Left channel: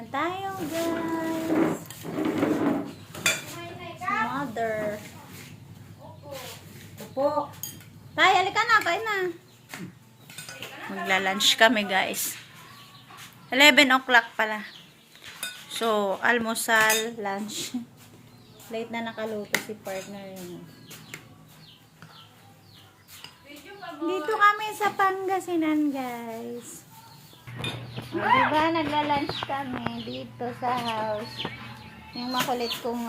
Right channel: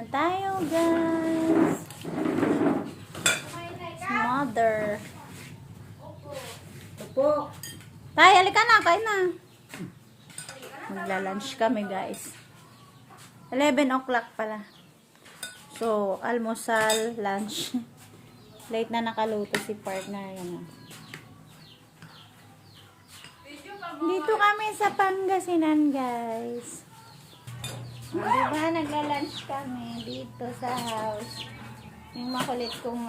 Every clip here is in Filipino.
na tayo, guys. Mother. Opo. Tay, halika na. Kain na. Magla-lunch kami, guys. 11 o'clock pala. So, almusal, lunch. Late na nakaluto si partner. Yun. Dito kami sa Pangasinan, guys. Diba, nagla-lunch kami dito sa house. Yung makulit kong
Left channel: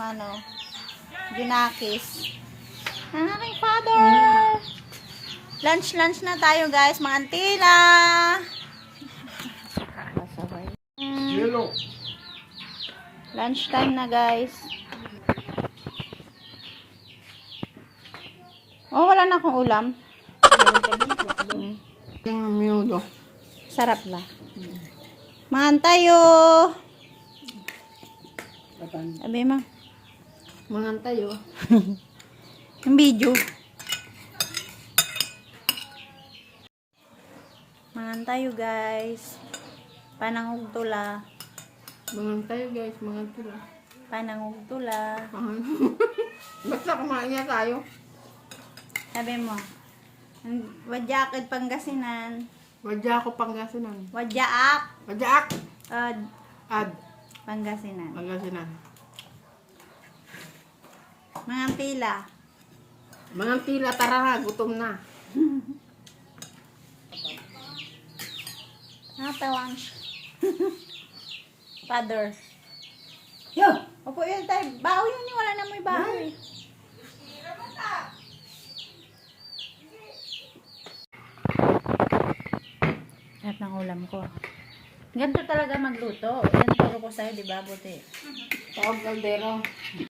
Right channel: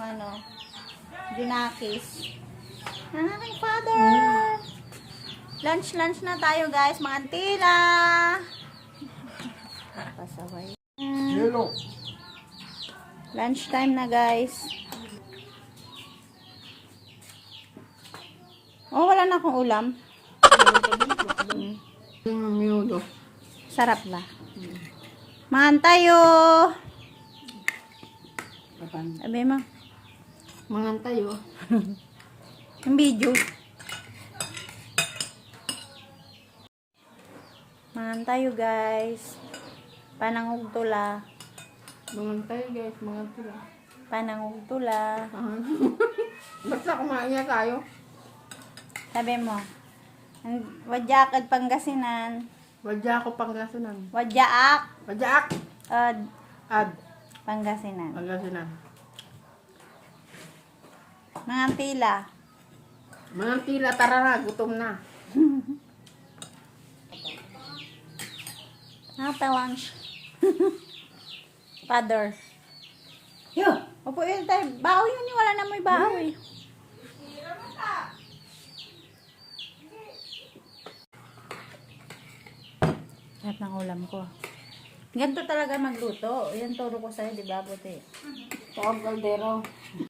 Junakis. Ang aking father. Lunch na tayo, guys. Mga antila. Pasaway. Lunch time na, guys. Oh, wala na akong ulam. Sarap ba? Maan tayo. Sabi mo. Mangan tayo. Yung video. Mangan tayo, guys. Panangog tula. Mangan tayo, guys. Mangan tayo. Panangog tula. Basta kumain niya tayo. Sabi mo. Wadyaak at Pangasinan. Wadya ako Pangasinan. Wadyaak Wadyaak. at Ad. Pangasinan. Pangasinan. Mga tila. Mangan tila, tara na. Gutom na. Natawan. Father. Yo! Opo yun tayo. Baho yun. Wala na may baho eh. Sarap ng ulam ko. Ganito talaga magluto. Yan turo ko sa'yo, di ba, buti? Tawag kaldero.